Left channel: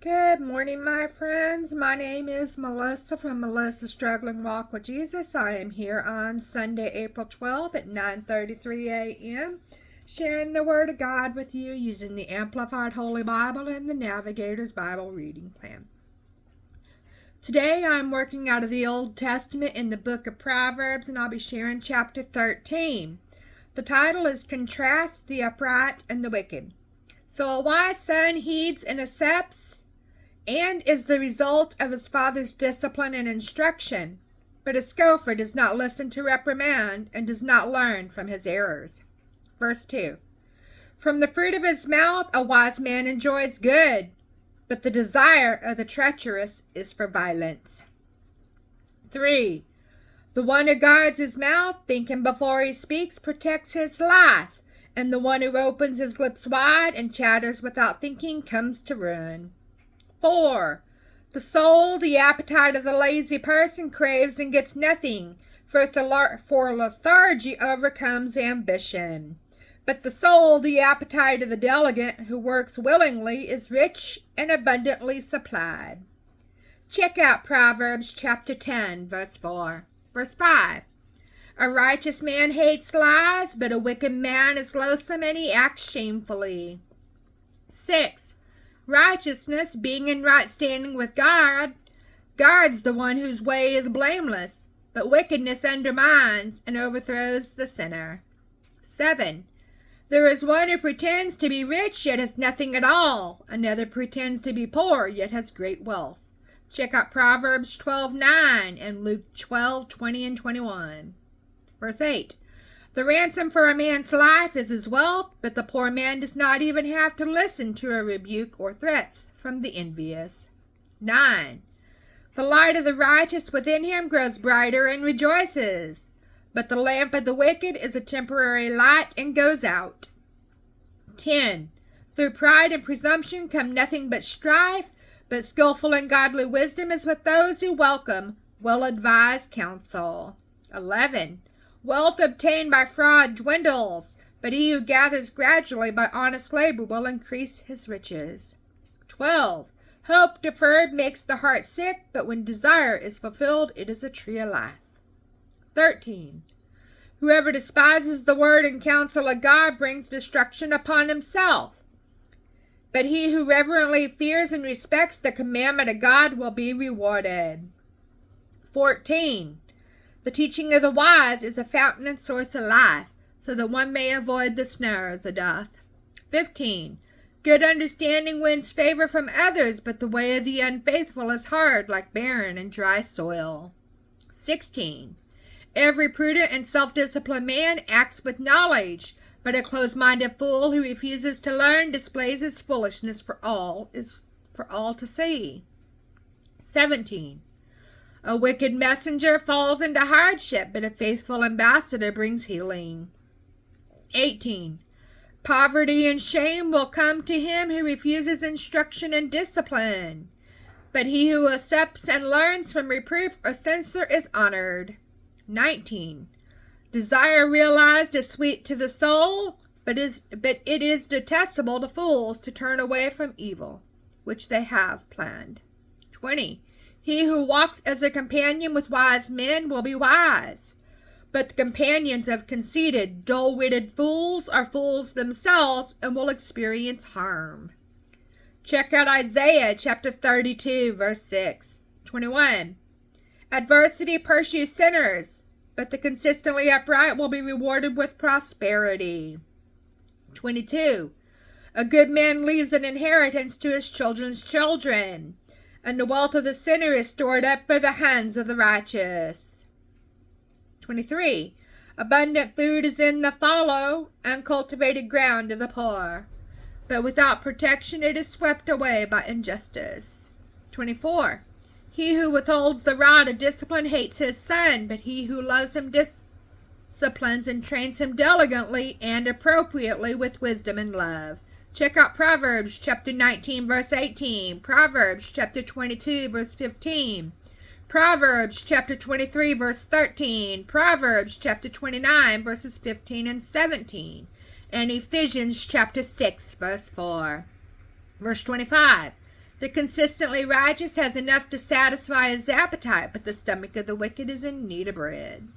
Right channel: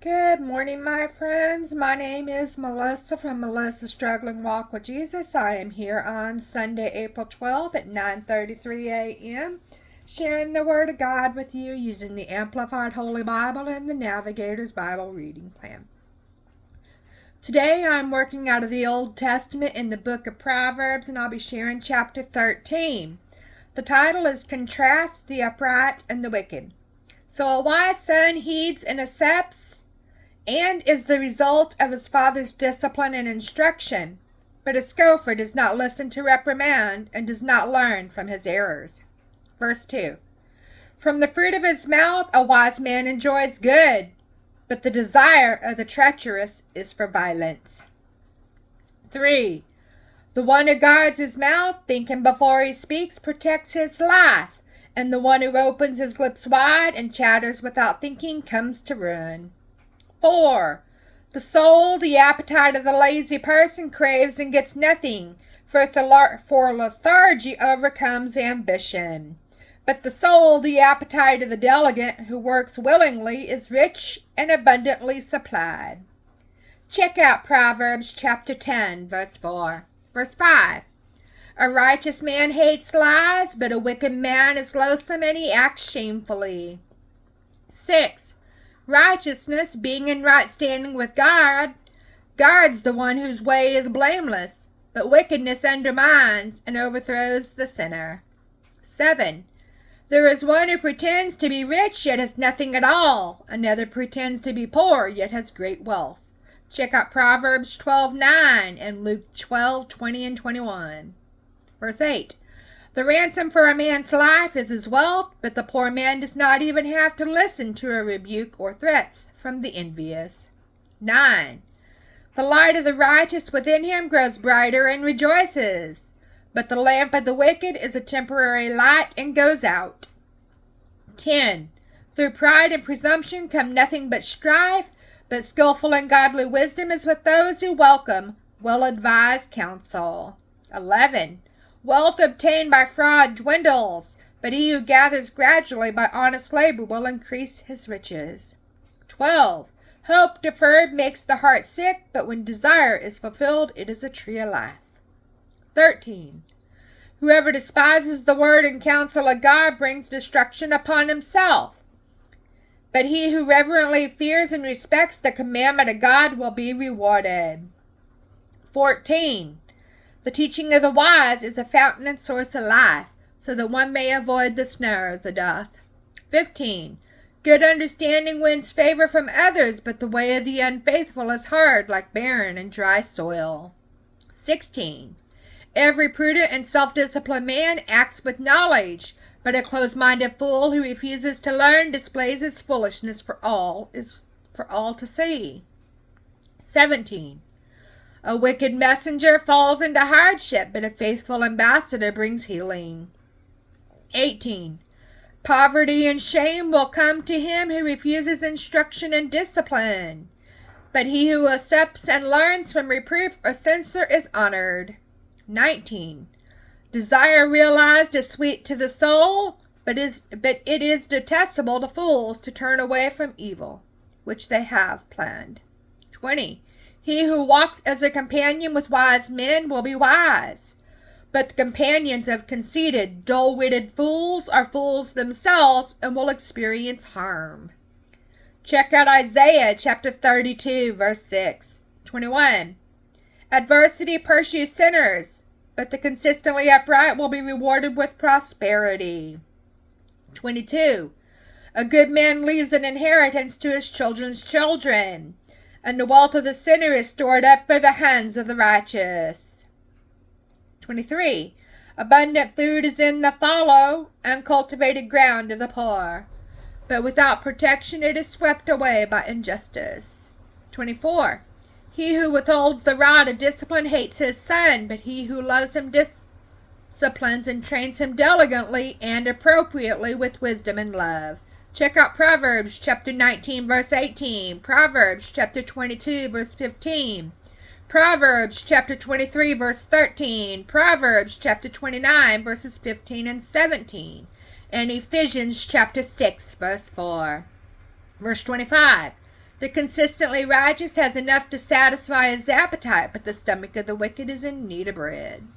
Good morning, my friends. My name is Melissa from Melissa's Struggling Walk with Jesus. I am here on Sunday, April 12th at 9:33 a.m. sharing the Word of God with you using the Amplified Holy Bible and the Navigator's Bible Reading Plan. Today I'm working out of the Old Testament in the book of Proverbs, and I'll be sharing chapter 13. The title is Contrast the Upright and the Wicked. So a wise son heeds and accepts and is the result of his father's discipline and instruction. But a scoffer does not listen to reprimand and does not learn from his errors. Verse 2. From the fruit of his mouth a wise man enjoys good, but the desire of the treacherous is for violence. 3. The one who guards his mouth, thinking before he speaks, protects his life, and the one who opens his lips wide and chatters without thinking comes to ruin. 4. The soul, the appetite of the lazy person, craves and gets nothing, for lethargy overcomes ambition. But the soul, the appetite of the diligent who works willingly, is rich and abundantly supplied. Check out Proverbs chapter 10, verse 4. Verse 5. A righteous man hates lies, but a wicked man is loathsome and he acts shamefully. 6. Righteousness, being in right standing with God, guards the one whose way is blameless, but wickedness undermines and overthrows the sinner. 7. There is one who pretends to be rich yet has nothing at all. Another pretends to be poor yet has great wealth. Check out Proverbs 12:9 and Luke 12:20 and 21. Verse 8. The ransom for a man's life is his wealth, but the poor man does not even have to listen to a rebuke or threats from the envious. 9. The light of the righteous within him grows brighter and rejoices, but the lamp of the wicked is a temporary light and goes out. 10. Through pride and presumption come nothing but strife, but skillful and godly wisdom is with those who welcome well-advised counsel. 11. Wealth obtained by fraud dwindles, but he who gathers gradually by honest labor will increase his riches. 12. Hope deferred makes the heart sick, but when desire is fulfilled, it is a tree of life. 13. Whoever despises the word and counsel of God brings destruction upon himself, but he who reverently fears and respects the commandment of God will be rewarded. 14. The teaching of the wise is a fountain and source of life, so that one may avoid the snares of death. 15. Good understanding wins favor from others, but the way of the unfaithful is hard, like barren and dry soil. 16. Every prudent and self-disciplined man acts with knowledge, but a close-minded fool who refuses to learn displays his foolishness for all to see. 17. A wicked messenger falls into hardship, but a faithful ambassador brings healing. 18. Poverty and shame will come to him who refuses instruction and discipline, but he who accepts and learns from reproof or censure is honored. 19. Desire realized is sweet to the soul, but it is detestable to fools to turn away from evil, which they have planned. 20. He who walks as a companion with wise men will be wise, but the companions of conceited, dull-witted fools are fools themselves and will experience harm. Check out Isaiah chapter 32, verse 6. 21. Adversity pursues sinners, but the consistently upright will be rewarded with prosperity. 22. A good man leaves an inheritance to his children's children, and the wealth of the sinner is stored up for the hands of the righteous. 23. Abundant food is in the fallow, uncultivated ground to the poor, but without protection it is swept away by injustice. 24. He who withholds the rod of discipline hates his son, but he who loves him disciplines and trains him diligently and appropriately with wisdom and love. Check out Proverbs chapter 19, verse 18, Proverbs chapter 22, verse 15, Proverbs chapter 23, verse 13, Proverbs chapter 29, verses 15 and 17, and Ephesians chapter 6, verse 4. Verse 25. The consistently righteous has enough to satisfy his appetite, but the stomach of the wicked is in need of bread.